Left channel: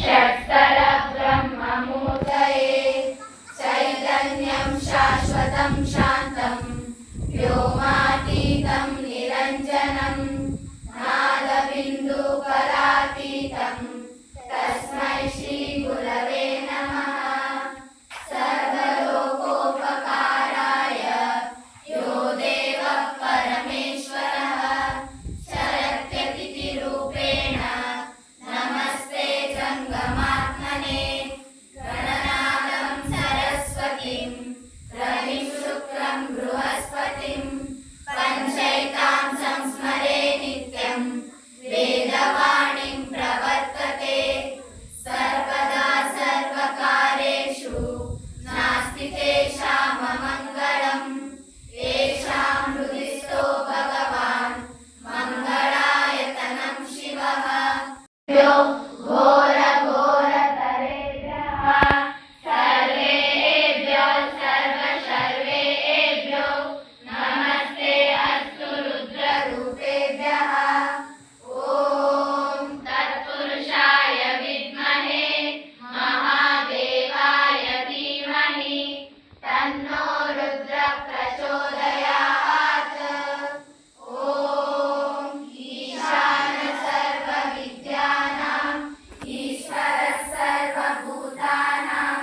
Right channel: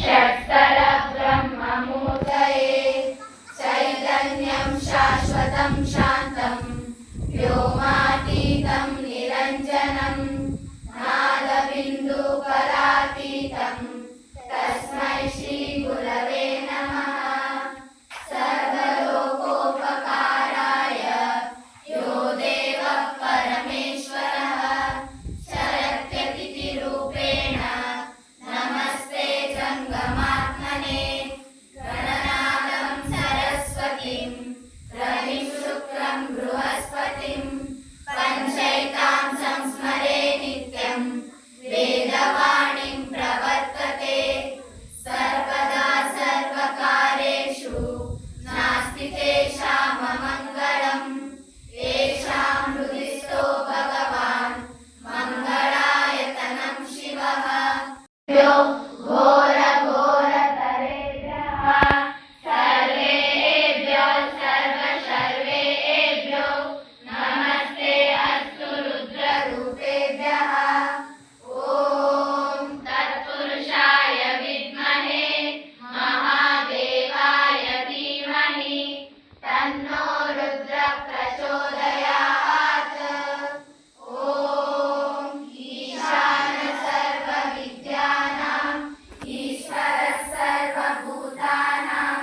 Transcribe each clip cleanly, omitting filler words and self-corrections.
षट्स्थल ब्रह्ममूर्तये चैतन्यं शाश्वतं शान्तं व्योमातीतं निरञ्जनं नादबिन्दुकलातीतं तस्मै श्रीगुरवे नमः। सर्वलोकोपकाराय यो देवः परमेश्वरः शरत्यतिथिरूपेण नमस्ते जङ्गमात्मने। गणनाथं सरस्वतीं रविं शुक्रं बृहस्पतिं पञ्चैतां संस्मरे नित्यं वेदवाणीं प्रवर्तते। सर्वदा सर्वकार्येषु नास्ति तेषाममङ्गलम्। येषां हृदि स्थो भगवान् मङ्गलायतनं शिवः। घोरघोरतरेभ्यः सर्वेभ्यो सर्वशर्वेभ्यो नमस्ते अस्तु रुद्ररूपेभ्यः। ॐ तत्पुरुषाय विद्महे महादेवाय धीमहि तन्नो रुद्रः प्रचोदयात्। ॐ ईशान सर्वविद्यानाम् ईश्वरः सर्वभूतानां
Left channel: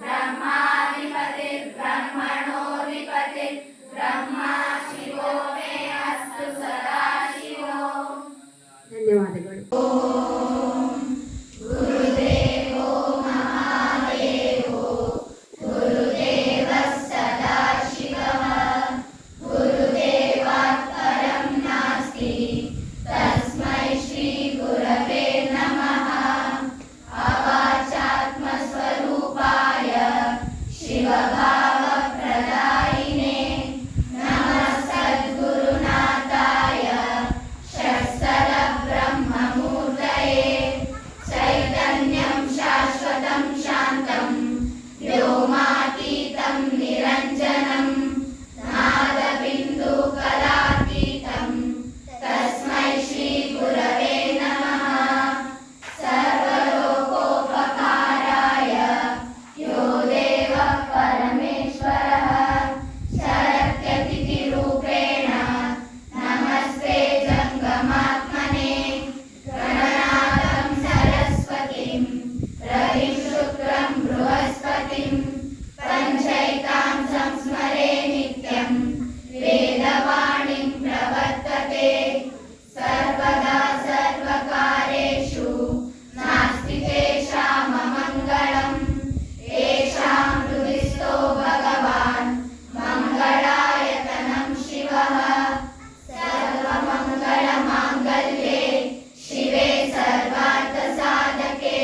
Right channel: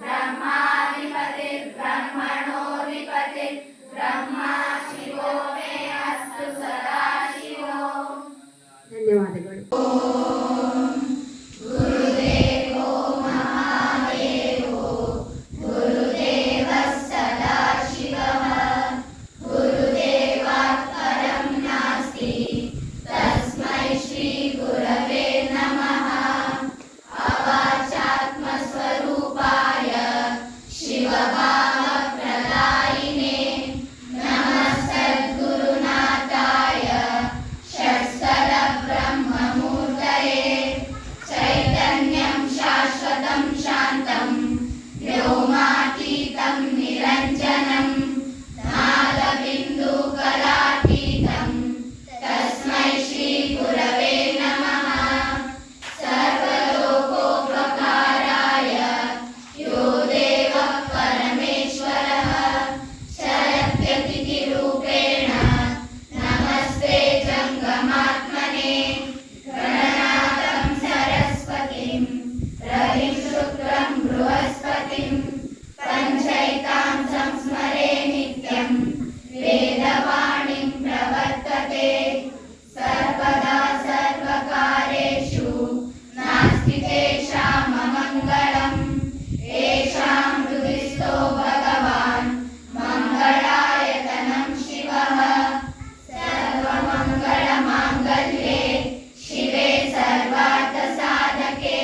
ब्रह्माधिपतिर्ब्रह्मणोऽधिपतिः ब्रह्मा शिवो मे अस्तु सदा शिवो। ಧನ್ಯವಾದಗಳು. गुरुदेवो महादेवो गुरुदेवः सदाशिवः गुरुदेवात् परं नास्ति तस्मै श्रीगुरवे नमः। अवाचात्मस्वरूपाय शिवभावप्रदायिने नमः सद्गुरुनाथाय षट्स्थल ब्रह्ममूर्तये चैतन्यं शाश्वतं शान्तं व्योमातीतं निरञ्जनं नादबिन्दुकलातीतं तस्मै श्रीगुरवे नमः। सर्वलोकोपकाराय यो देवः परमेश्वरः शरत्यतिथिरूपेण नमस्ते जङ्गमात्मने। गणनाथं सरस्वतीं रविं शुक्रं बृहस्पतिं पञ्चैतां संस्मरे नित्यं वेदवाणीं प्रवर्तते। सर्वदा सर्वकार्येषु नास्ति तेषाममङ्गलम्। येषां हृदि स्थो भगवान् मङ्गलायतनं शिवः। सर्वमङ्गलमाङ्गल्ये शिवे सर्वार्थसाधके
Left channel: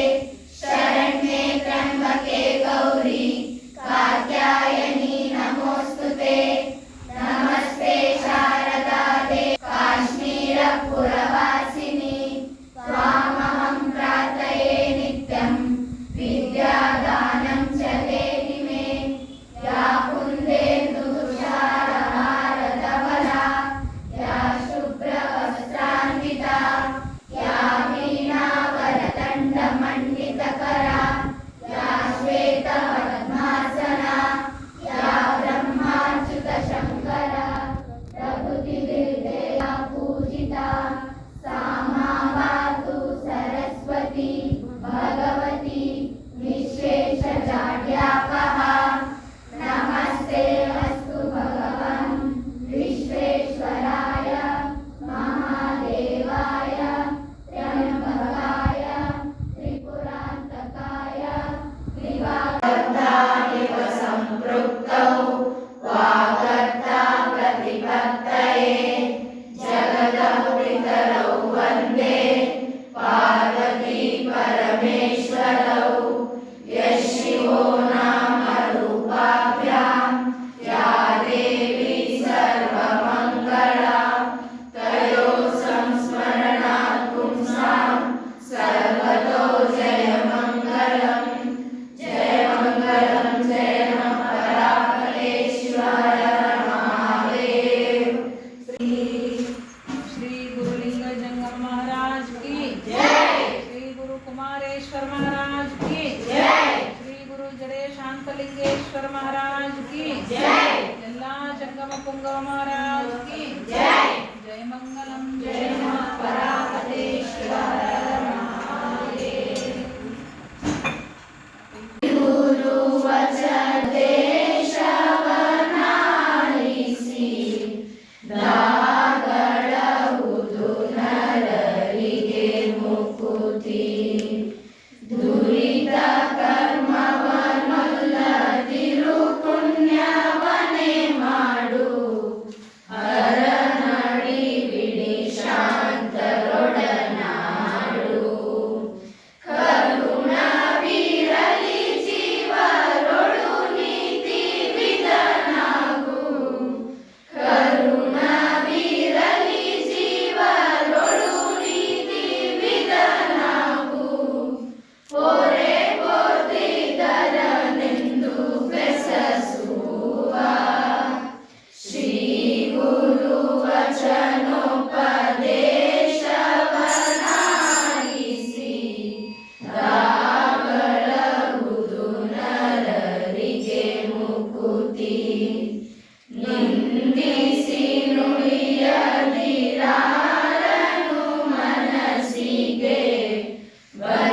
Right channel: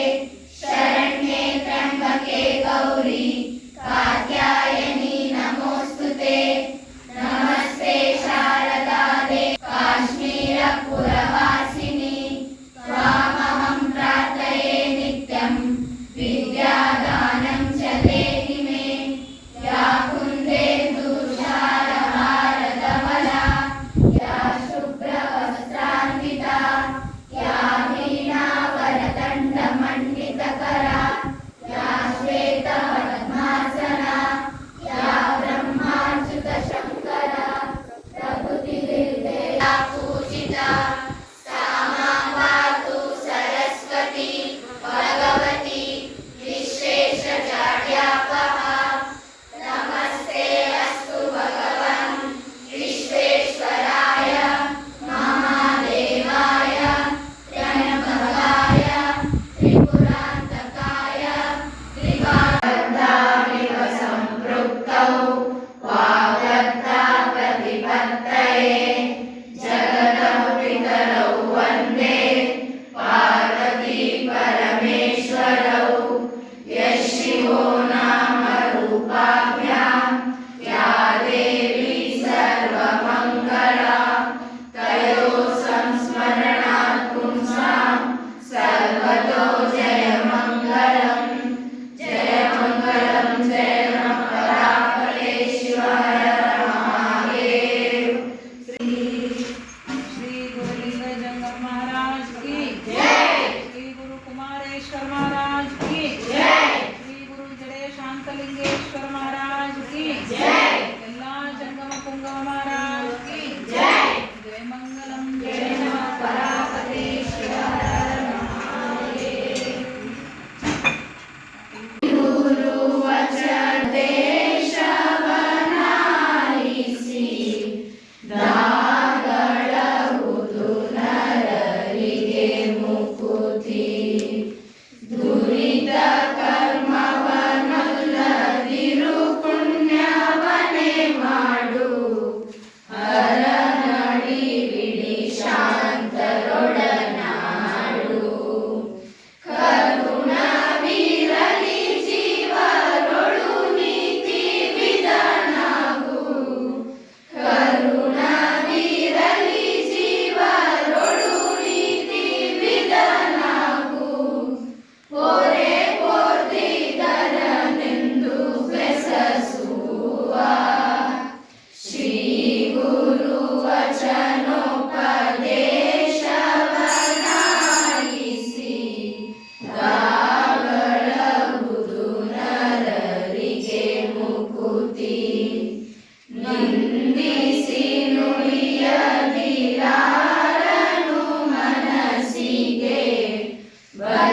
शरण्ये त्र्यम्बके गौरी कात्यायनी नमोऽस्तुते। नमस्ते शारदा देवी काश्मीरपुरवासिनी त्वामहं प्रार्थये नित्यं विद्यादानं च देहि मे। या कुन्देन्दुतुषारहारधवला या शुभ्रवस्त्रान्विता या वीणावरदण्डमण्डितकरा या श्वेतपद्मासना या ब्रह्माच्युतशङ्करा प्रभृतिर्देवा पूजिता सा मां पातु सरस्वती भगवती विश्वेशजाड्यापहा। नमस्ते अस्तु भगवान् विश्वेश्वराय महादेवाय त्र्यम्बकाय त्रिपुरान्तकाय त्रिकालदामिव सम्पृक्तौ वागर्ता प्रतिपत्तये जगतः पितरौ वन्दे पार्वती परमेश्वरौ। यः शिवो नाम रूपाभ्यां या देवी सर्वमङ्गला तयोः संस्मरणात् पुंसां सर्वतो जयमङ्गलम्। जयमङ्गलं जय परापरेश्वर महादेव। श्री गुरु महाराज की जय। श्री गुरु कुमारेश्वर महाराज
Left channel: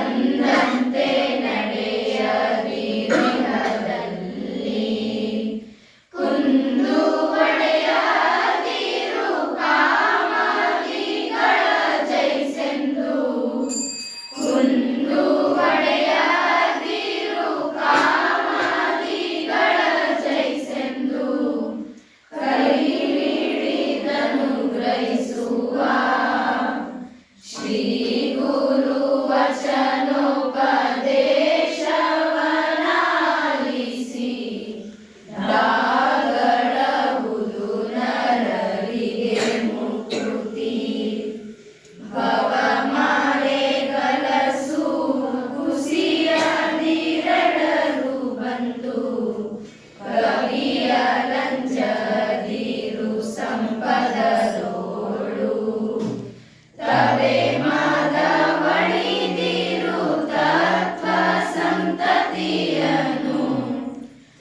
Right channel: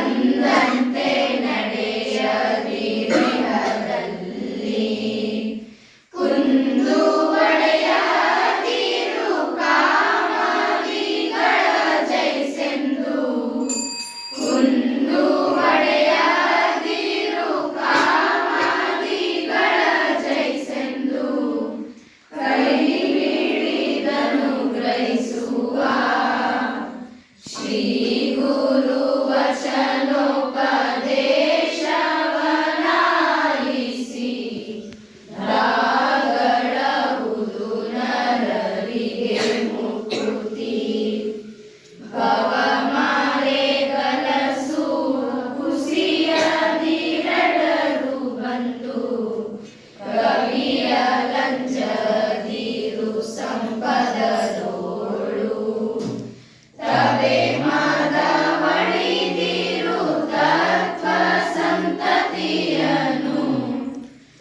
ಎಂದಂತೆ ನಡೆಯದಿರದಲ್ಲಿ ಕುಂದು ಒಡೆಯದಿರು ಕಾಮಾದಿಗಳ ಜಯಿಸೆಂದು ಕುಂದು ಒಡೆಯದಿರು ಕಾಮಾದಿಗಳ ಜಯಿಸೆಂದು ಕೈ ಹಿಡಿದನು ಗ್ರಹಿಸುವ ಶ್ರೀ ಗುರು ವಚನೋಪದೇಶವನಾಲಿಸಿ ರಾಗಡವುದು ನರರಿಗೆ ಮುಕುತಿ ಭವಮಾಲೆಗಲಸು ಕುಸಿಯದಿರಡರು ಬಂದು ಕವಿಯ ಲಂಜದಿರು ಸಂಪದದೋಳು ತವೆ ಮದವಳಿದಿರು ತತ್ವ ಸಂತತಿಯನ್ನು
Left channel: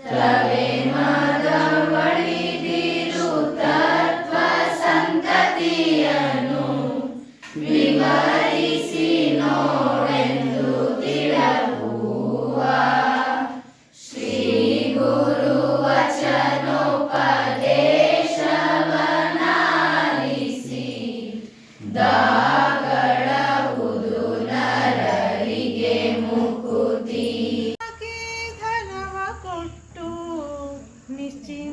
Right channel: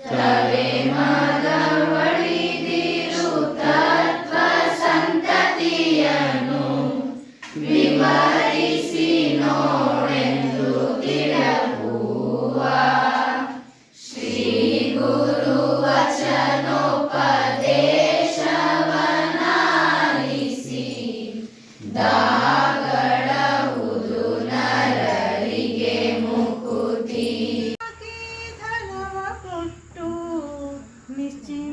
ತವೆ ಮದವಳಿದಿರು ತತ್ವ ಸಂತತಿಯನ್ನು ವಿವರಿಸಿ ನೋಡೆಂದು ತಿಳಗುವ ಶ್ರೀ ಗುರು ವಚನೋಪದೇಶವನಾಲಿಸಿ ದಾಗಡವುದು ನರರಿಗೆ ಮುಕುತಿ ಧನವ ಕೊಟ್ಟು ನಿಶ್ಚಿಂತನಾಗಿರುವ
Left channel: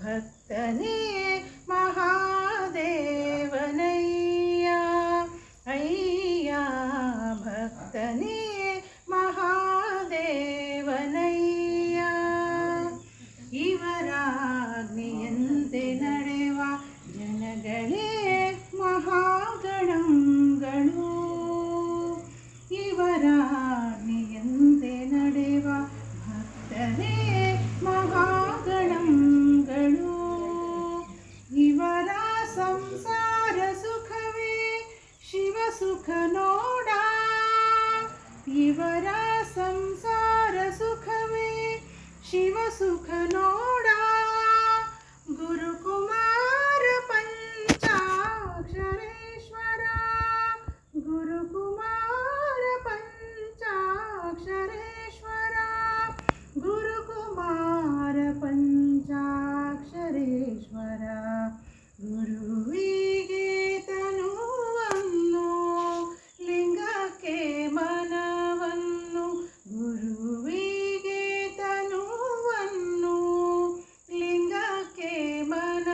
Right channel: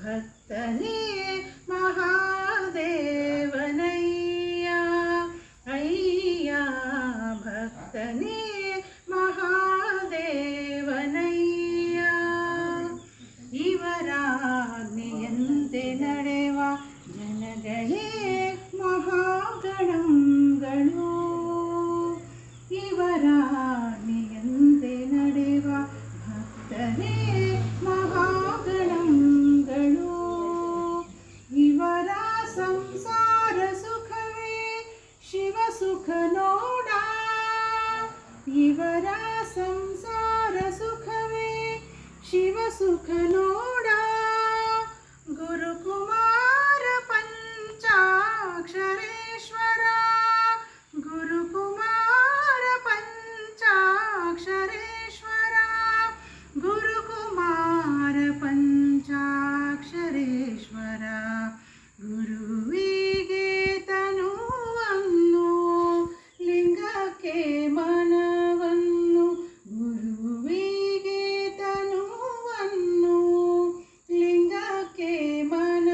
ಭಕ್ತನೇ ಮಹಾದೇವನಯ್ಯ ಅಯ್ಯ ಭಕ್ತನೇ ಮಹಾದೇವನಯ್ಯ ಇವರಾಜ್ಞೆಯಂತೆ ನಡೆವ ಜನಗಳೇ ಮಹಾಗಣಗಳು ಇವರಾಜ್ಞೆಯಂತೆ ನಡೆವ ಭಕ್ತರೇ ಮಹಾಗಣಗಳು ಇವರ ಸಂಸಾರ ಸುಖವೇ ಶಿವ ಸುಖ ನೋಡ ಇವರ ಸಂಸಾರ ಸುಖವೇ ಶಿವ ಸುಖ ನೋಡ ಗುರುಕುಮಾರ ಪಂಚಾಕ್ಷರೇಶ್ವರ ಗುರುಕುಮಾರ ಪಂಚಾಕ್ಷರೇಶ್ವರ ಗುರುಕುಮಾರ ಪಂಚಾಕ್ಷರೇಶ್ವರ ಗುರುವಿಗೆ ತನುವನ್ನು ಲಿಂಗಕ್ಕೆ ಮನವನ್ನು ಗುರುವಿಗೆ ತನುವನ್ನು ಲಿಂಗಕ್ಕೆ ಮನ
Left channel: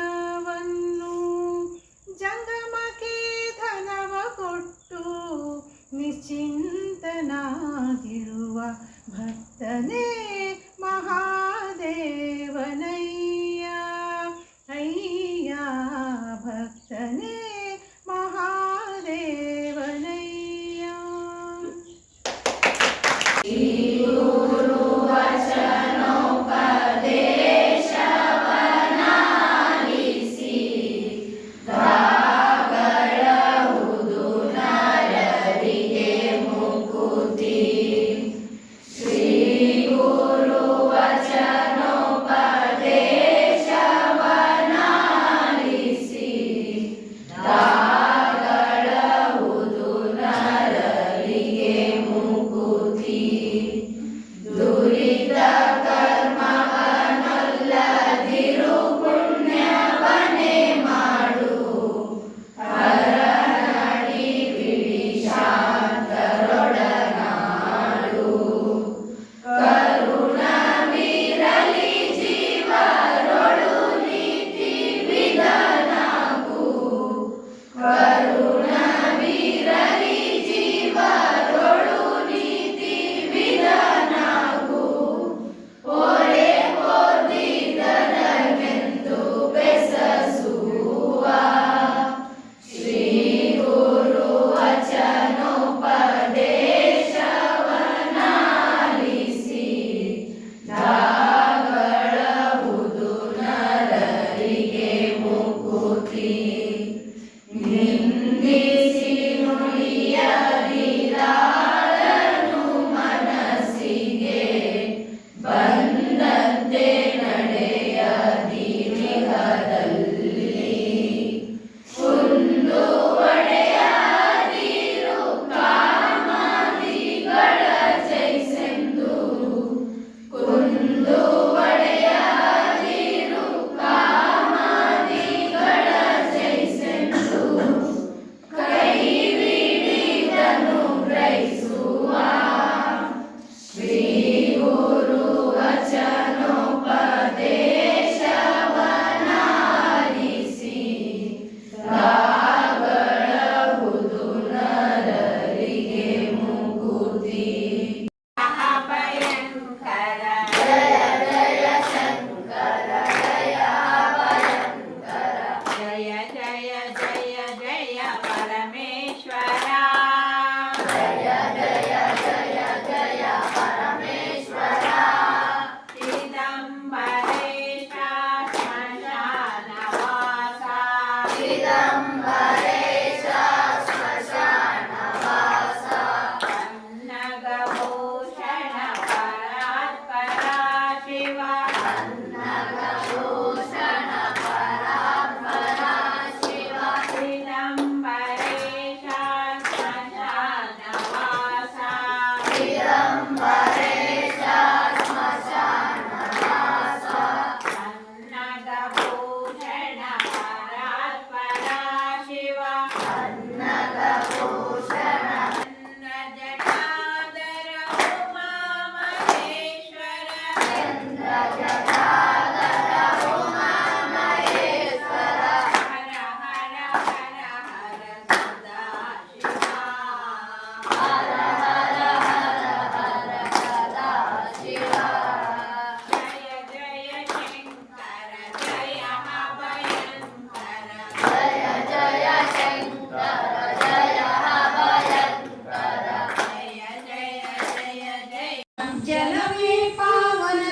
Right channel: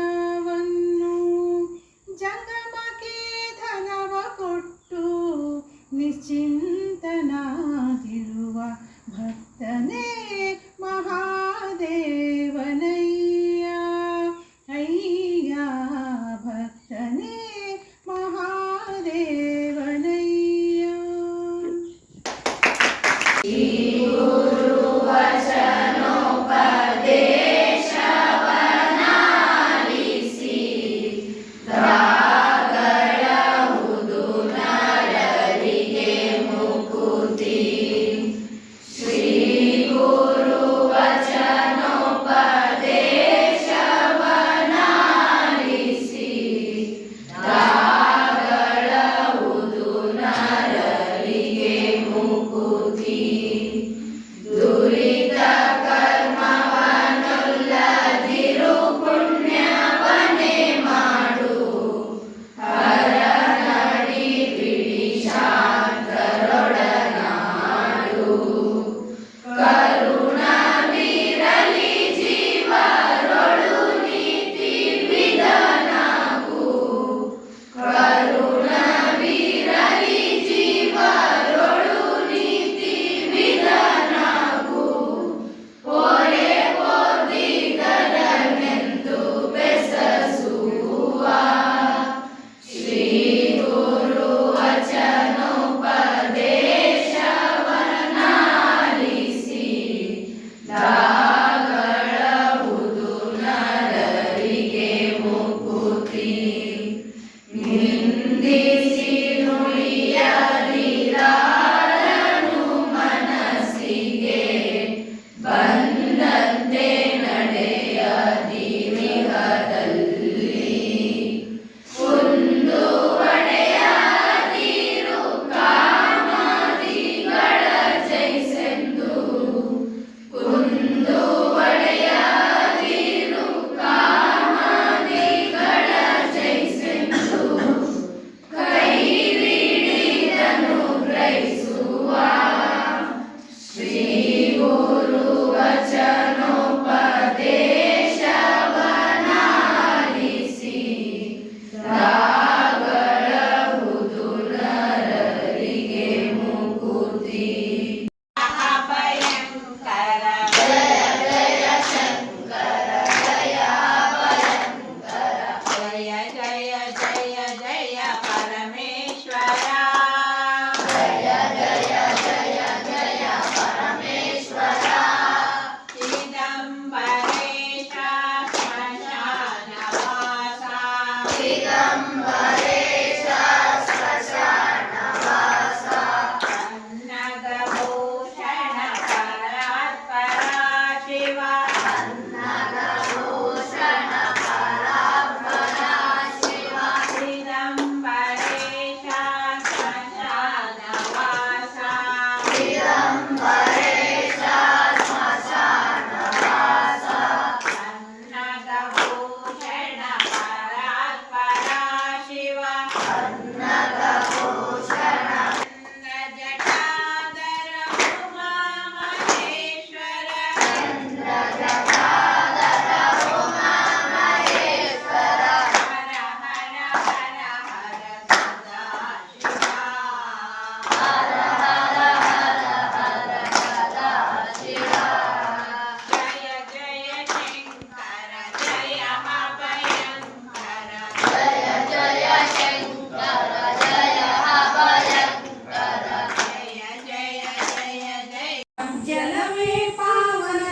जलवे पावन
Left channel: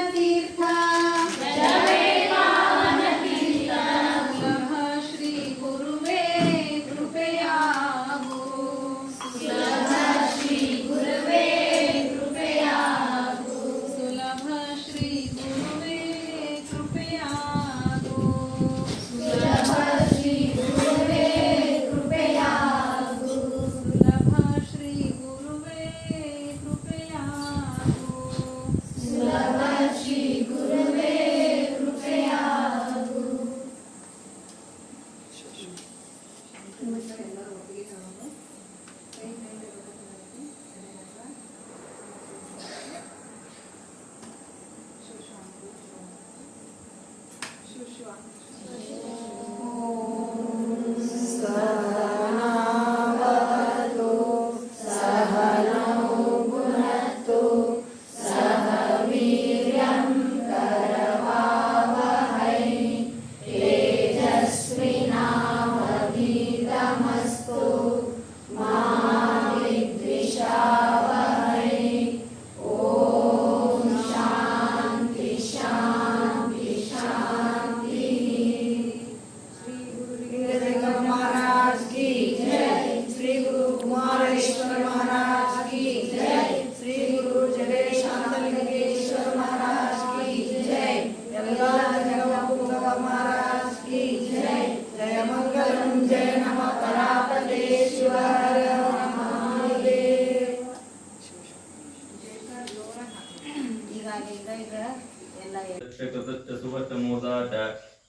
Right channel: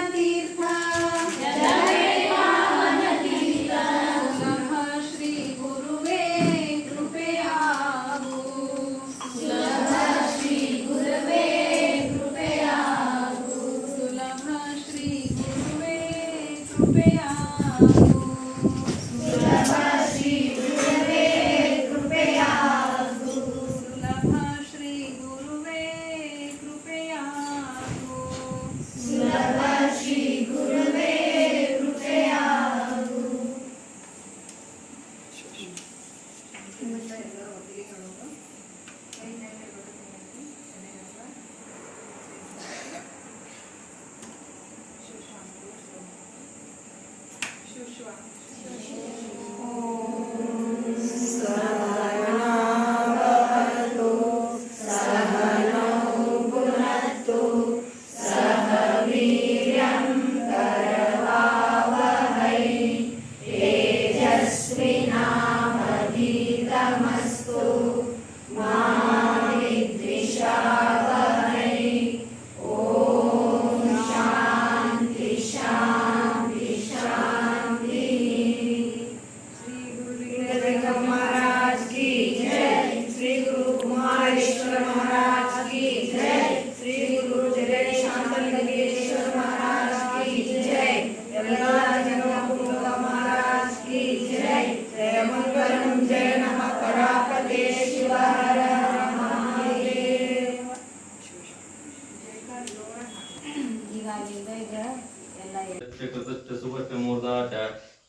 तीर्थ नमः श्री गुरुवे कृपयागो सुलभ श्री गुरुवे कृपयागो सुलभ श्री गुरुवे कृपयागो सुलभ श्री गुरुवे कृपयागो सुलभ श्री गुरुवे कृपयागो सुलभ श्री गुरुवे कृपयागो सहनावतु सहनौ भुनक्तु सह वीर्यं करवावहै तेजस्विनावधीतमस्तु मा विद्विषावहै ॐ शान्ति शान्ति शान्तिः श्री गुरुदेव महाराज की जय श्री गुरु कुमारेश्वर महाराज की जय श्री गुरु जय शांतलिंगेश्वर महाराज की जय महाराज की जय जय मंगलम जय नमः करापते शिव हर महादेव कृतश्च सुवर्तमूर्धाच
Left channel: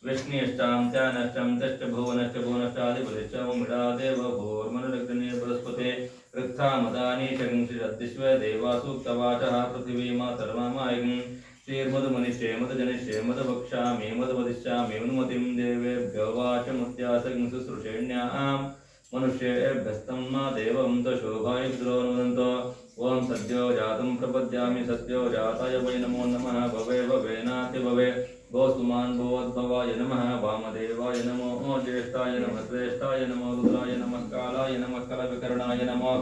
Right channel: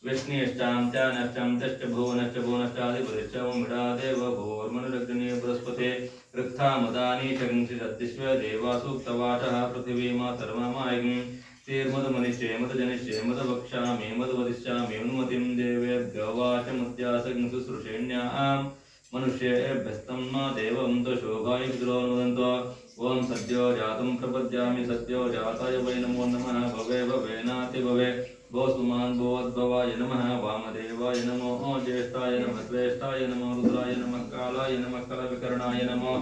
विष्णुष्टां च नष्टं तश्च भुवनश्च भुवनश्चादिपतिश्च मुमिडादेव भूर्मनुरग्नि बृहस्पते ऋक्थामदानि च किंचिदद्दिश्व देवासूक्तवाचः पृथिवी मातर्ममायिं श्रीर्मधुमनिष्ये मधुजनिष्ये मधुवक्ष्यामि मधुवदिष्यामि अनुमतिं देवेभ्यो वाचमुद्यासं शुश्रूषेण्यां मनुष्येभ्यस्तं देवं तशोभाय पितरोनुदन्तो ओम सद्यो जातं प्रपद्यामि सद्यो जाताय वै नमो नमः भवे भवेनाति भवे भोस्तुमान् भोद्भवाय नमः वामदेवाय नमो ज्येष्ठाय नमः श्रेष्ठाय नमो रुद्राय नमः कालाय नमः कलविकर्णाय नमो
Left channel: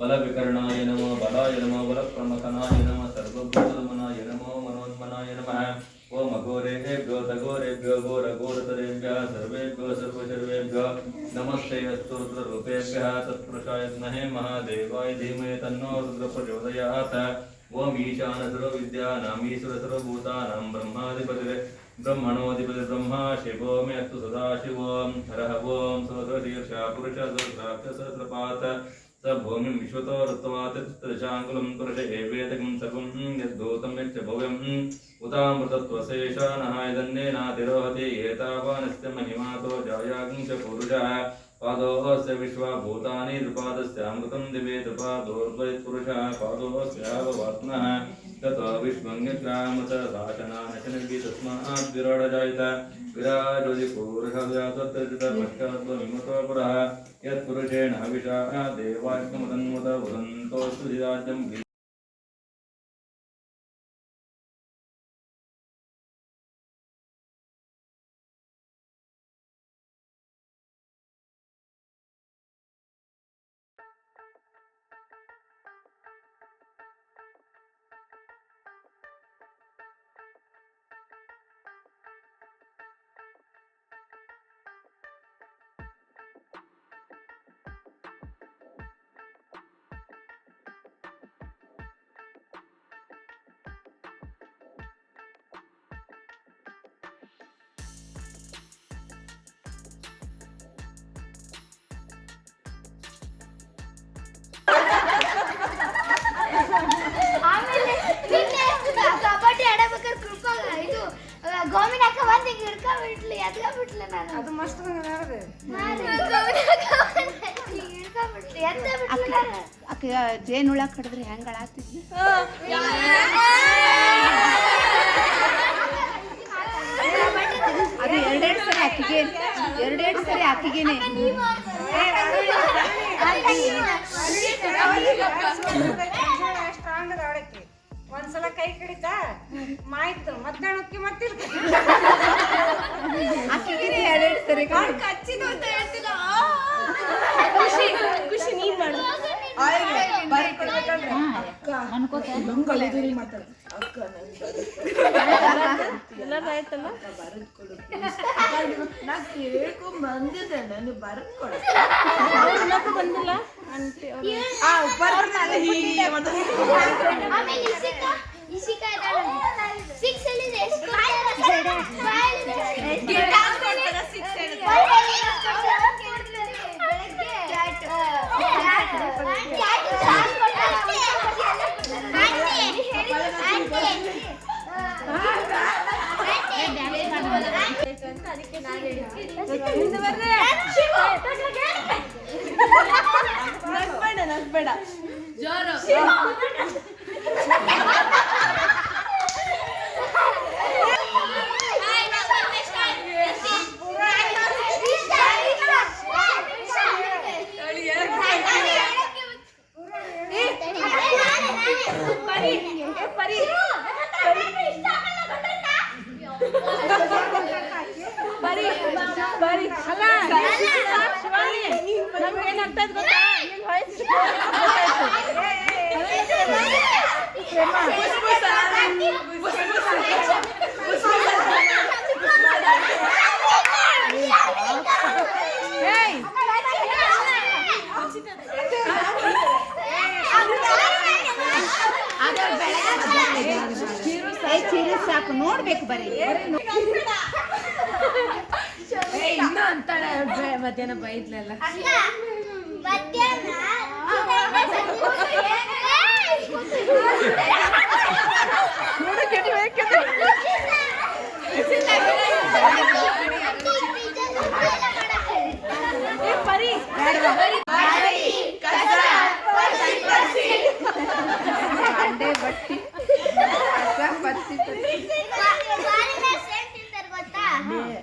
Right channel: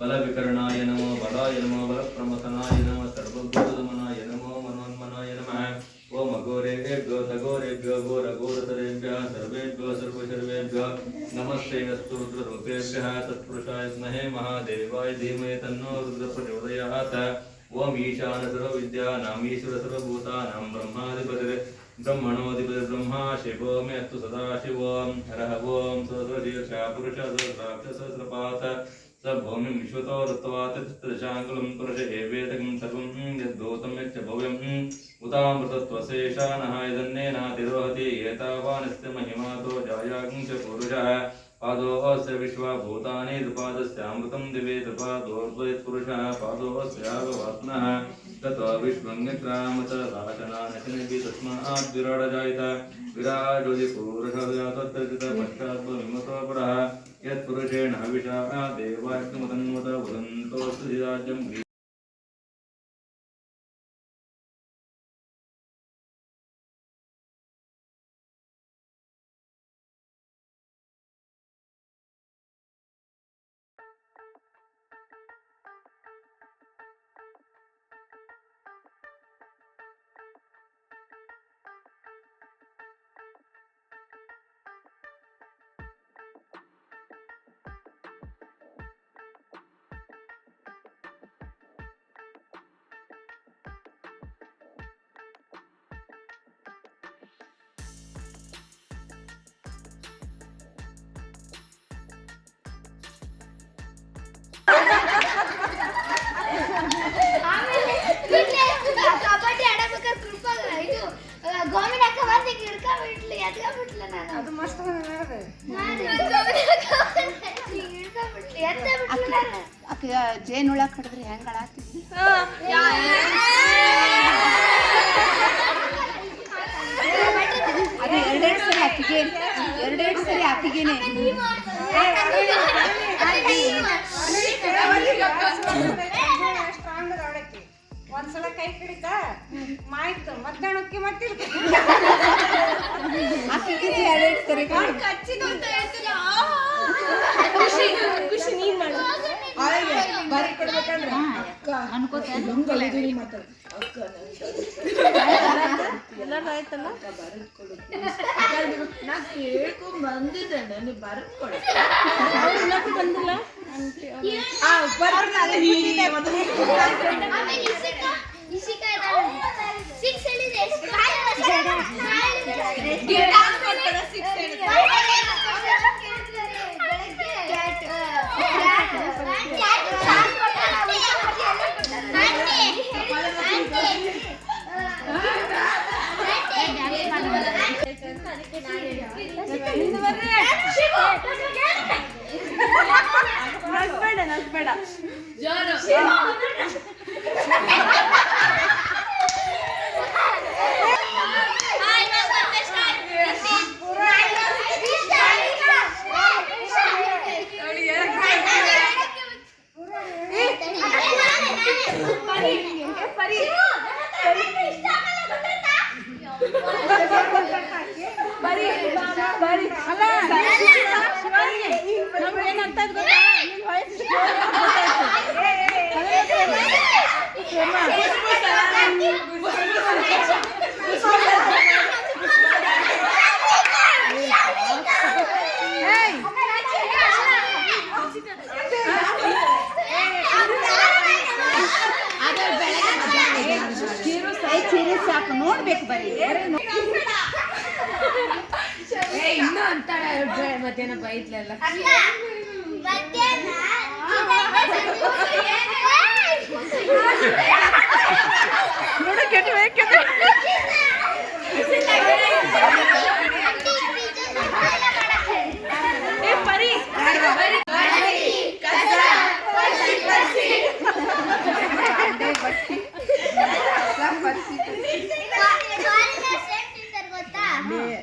बलविकर्णाय नमो बलाय नमो बलप्रमथनाय नमः सर्वभूतदमनाय नमो मनोन्मनाय नमः ओम अघोरेभ्यो सघोरेभ्यो घोरघोरतरेभ्यः सर्वेभ्यो सर्वशर्वेभ्यो नमस्तेऽस्तु रुद्ररूपेभ्यः तत्पुरुषाय विद्महे महादेवाय धीमहि तन्नो रुद्रः प्रचोदयात् ओम ईशानसर्वविद्यानाम् ईश्वरसर्वभूतानां ब्रह्मणोऽधिपतिर्ब्रह्मा शिवो मे अस्तु सदाशिवो हरः ओम सहस्रशीर्षः पुरुषः सहस्रपात् स भूमिं विश्वतो ऋत्वात् तदशाङ्कुलं पुरुष एवेदकं सर्वं यद्भूतं यच्च भव्यम् उतामृतत्वशेषानः इदन्नेनातिरोहति एतावानस्य महिमातो जायागं च पुरुषः पादोऽस्य विश्वभूतानि द्विपादस्यामृतं दिवे द्विपादोर्द्वयत्पुरुषः पादोऽस्याववात्मनः ततो विश्वङ्ग्यक्रामतदाशनानशनिभि तस्मात् विराडजायत विराजोदिपुरुषर्जातोत्तरितपश्चाद्वमिमतो पुरः यत्पुरुषेण हविषा देवाग्नमुदन्मुत वदन्तोऽस्तु राज्यं ಆಮೇಲೆ ಕಬಡ್ಡಿ ಆಡಬೇಕಾದ್ರೆ ಕೃಪಾಗ ಇದು ಗೋಮಿನ ಅಕ್ಕ ಬಂದು ಹಿಡ್ಕೊಂಡ್ಬಿಟ್ಲು ಎತ್ಕೊಂಡ್ಬಿಟ್ಲು ನಾನು ಅದು ಮಸ್ತ್ ಬಂದಿದೆ ಹಿಡ್ಕೊಂಡ್ಬಿಟ್ಲು ಎತ್ತ ಬಿಟ್ಲು ನಾನು ಜೇನುಳ ಕಡಿದ್ರೆ ಹೆಂಗಳ ಆಗ್ತಿದ್ವಿ ಅದು ಎರಡೆರಡು ಸರಿ ಅಕ್ಕಿಗೇನೆ ಸ್ಟ್ರಾಂಗ್ ಆಡಕ್ಕೆ ಒಂದ್ಸಲ ಕೈ ಕಡಿತ ಮಾಯ್ತು ಮಧ್ಯಾಹ್ನಕ್ಕೆ ಮತ್ತಿರ್ತೀನಿ ಎರಡೆರಡು ಸರಿ ಕಚ್ಚಿದು ಅಂತ ಹೇಳ್ತಿಲ್ಲ ಖುಷಿ ನೀನ್ ಮಾಡು ಬಾರಿ ಕೊಡ್ಬೇಕಂದ್ರೆ ಅಕ್ಕ ಅನ್ಕೋತೀನಿ ಮಾತಾಡ ಅಕ್ಕ ಎಲ್ಲರೂ ಆಯ್ತಲ್ಲ ಬರದ್ ಕೊಡು ನಾ ಕೇಳ್ಕೊಂಡ್ ಬಂದಿದ್ದೆ ನನಗೆ ಬರದ್ ಕೊಡ ಅವ್ರು ಬಂದಿಲ್ಲ ಇಸಿಕ ಸಿಕ್ಸ್ ಹೇಳಿದೆ ನಗ್ಬೇಡ ಜೋರು ಚೀರೆ ಸಾಕು ನೋಡ್ಬೇಕು ಬರೀ ಇನ್ನೂ ಅಂತಾಳೆ ಮಧ್ಯಾಹ್ನ ಬೈದ್ಲೆಲ್ಲ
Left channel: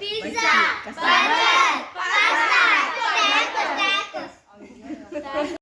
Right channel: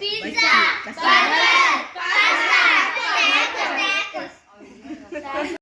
ಪಿಜ್ಜಾ